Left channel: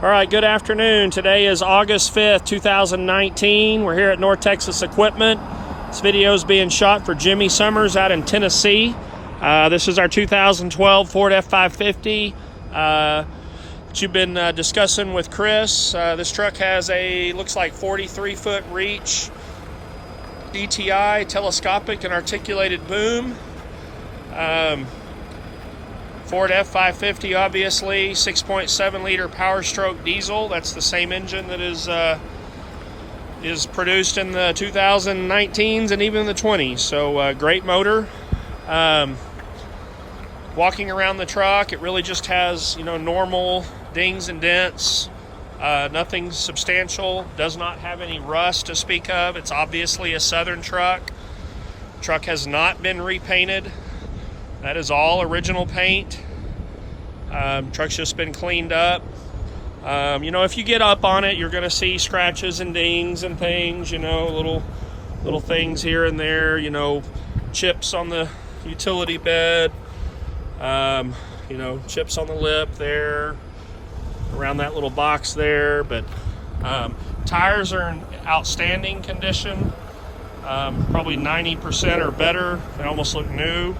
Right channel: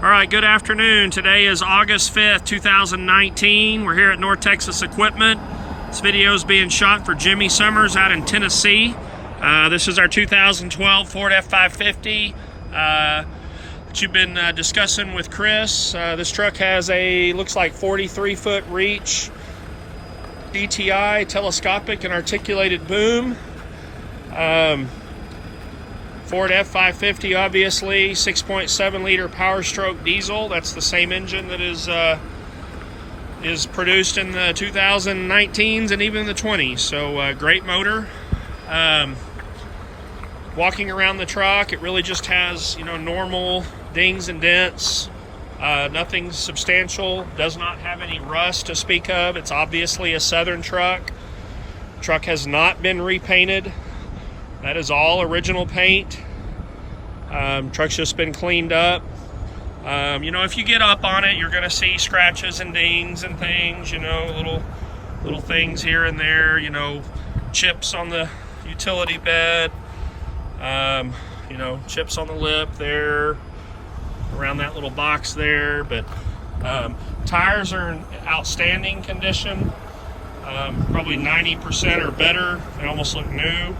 All right, good afternoon. Today is August 5th, 2019. We're here at North Texas Equipment. This video is being shot for Jimmy Summers out in Tennessee. This is our 2012 Ford F550 that you've been discussing with Chris. This truck has a, looks like 43-foot reach, DTI, telescopic and articulated boom. Ford F550, obviously, 6.7 liter Power Stroke diesel. That's the same engine that is produced in the 2019s and even the 20s. So great motor. Walking around the truck, it really just has, you know, normal dings and dents. Nothing substantial. Does not have any rust to speak of. It's obviously a Southern truck. Truck has not been repainted. That is all original paint. Truck's just been cleaned up. You know, if you get up on it, you're going to see scratches and dings and things, you know, little things here and there, you know, chips on the utility bed, you know, chips on the lip there, around that little box there. But tires are in outstanding condition, probably 90% or better. They almost look new.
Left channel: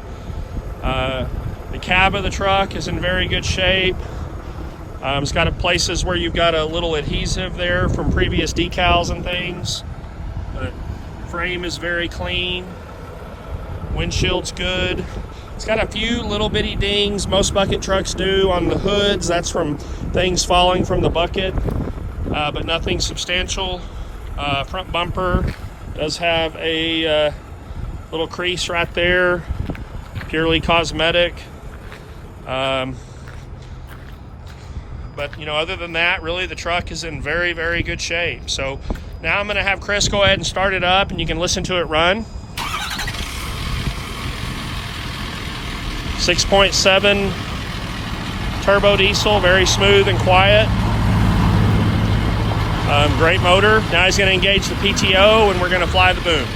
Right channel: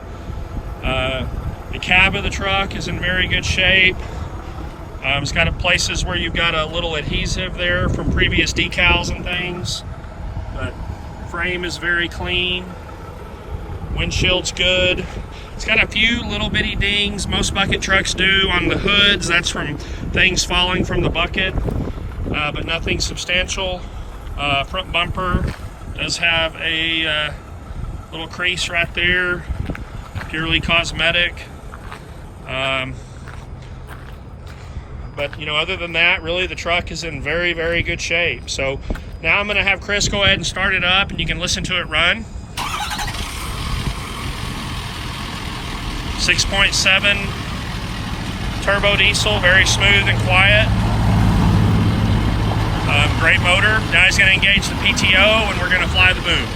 The cab of the truck is in very good shape. It's got places where you've got a little adhesive there from previous decals and things. But frame is very clean. Windshield's good. It's got a few little bitty dings, most bucket trucks do, on the hoods. That's from things falling from the bucket, but nothing substantial. Front bumper does have a little crease right there, purely cosmetic. But you know, other than that, really the truck is in very, very good shape. So now I'm going to have Chris go ahead and start it up, and you can listen to it run. 6.7 turbo diesel, very smooth and quiet. Great motor. Now he's going to engage the PTO, and we're going to fly the boom.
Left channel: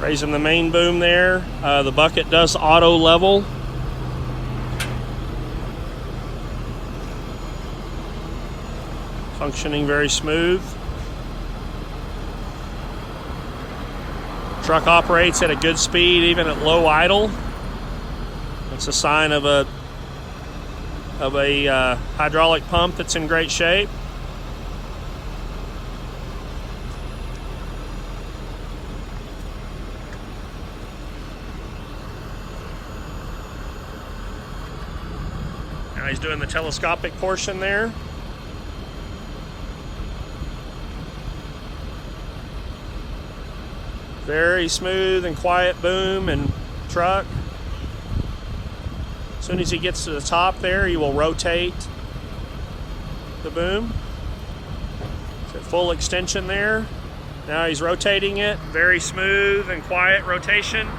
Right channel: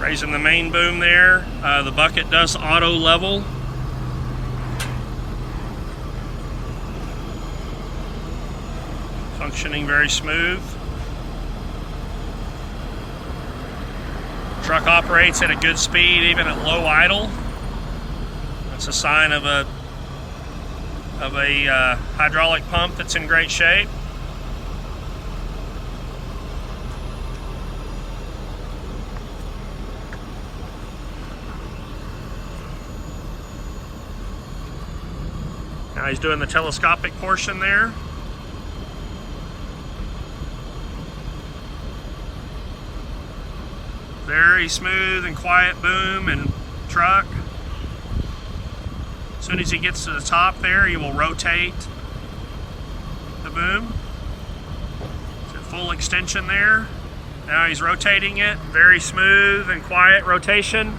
Raising the main boom there. The bucket does auto level. Functioning very smooth. Truck operates at a good speed even at low idle. It's a sign of a hydraulic pump that's in great shape. Now he's doing the telescopic portion there. Very smooth and quiet boom and truck. As soon as he gets to the top there, he will rotate the boom. It's at full extension there. Now he's rotating it. Very smooth and quiet rotation.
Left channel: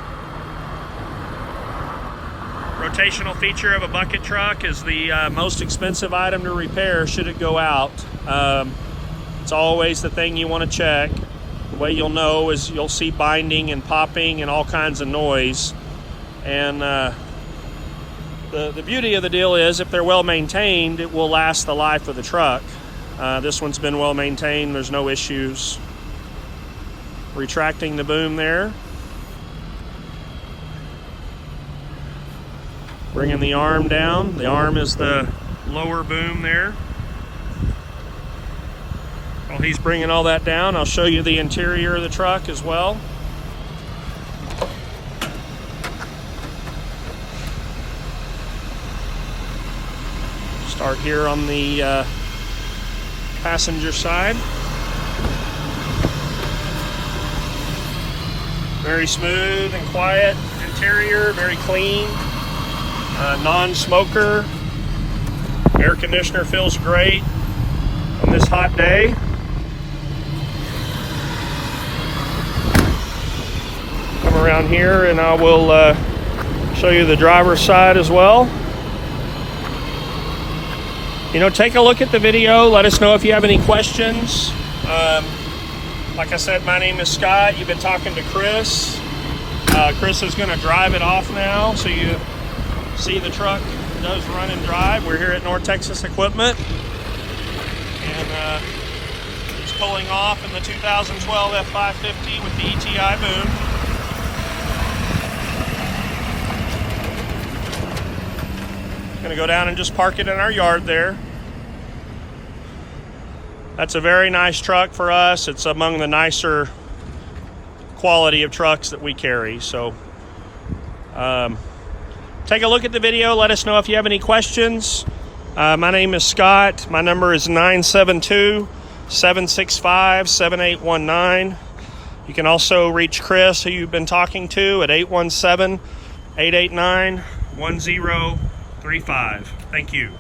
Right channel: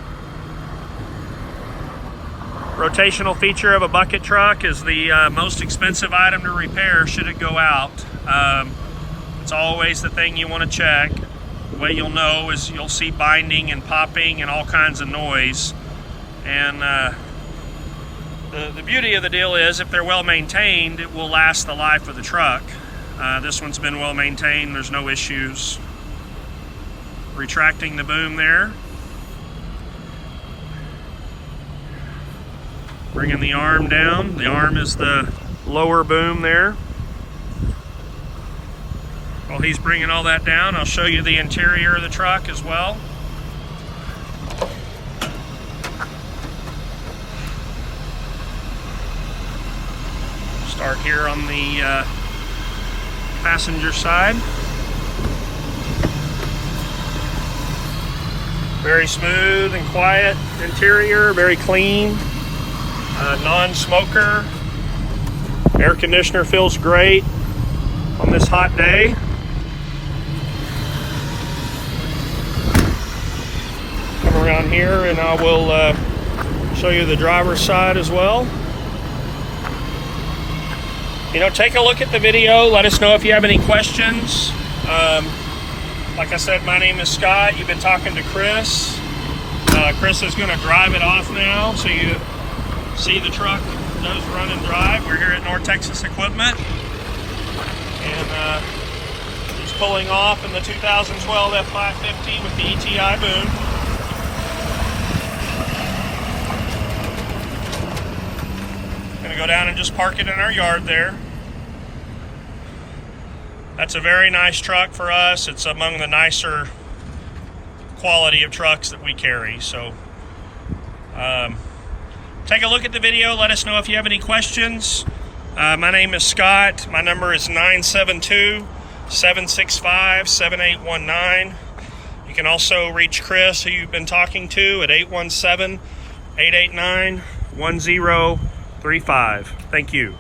Rotational feature of a bucket truck is the most expensive item to repair should it go out. It's always the thing you want to check. The way you'll know is you'll see binding and popping and all kinds of noise. And the beauty of the deal is if they're well maintained, it will last the life of the truck. This one's been well maintained, there's no issues. Retracting the boom there. Bringing the arm down. The arm is the lower boom there. While he's bringing all that down, I'll show you the interior of the truck as well. Start here on the passenger side. Very smooth and quiet interior, very clean. Non-smoker. Air conditioner feels great on this hot day. Come around here and I will Show you the driver's side as well. You know, take a look at the video. Let us know if you have any questions. Like I said, my name is Scott. You've been talking to Chris. Chris is going to drive it off now, so you see the truck does run and drive. We're here at North Texas Equipment, and he's pulling off in the 2012 F550 with the ETI boom. Going to go down and just park it in our yard there. That's a very nice truck for us. It's among the nicer quality of trucks that we carry. So take a look at the video. Let us know if you have any questions. My name is Scott. My number is 972-765-7819. You can also reach Chris, who you've been talking to, at 817-889-1035. Thank you.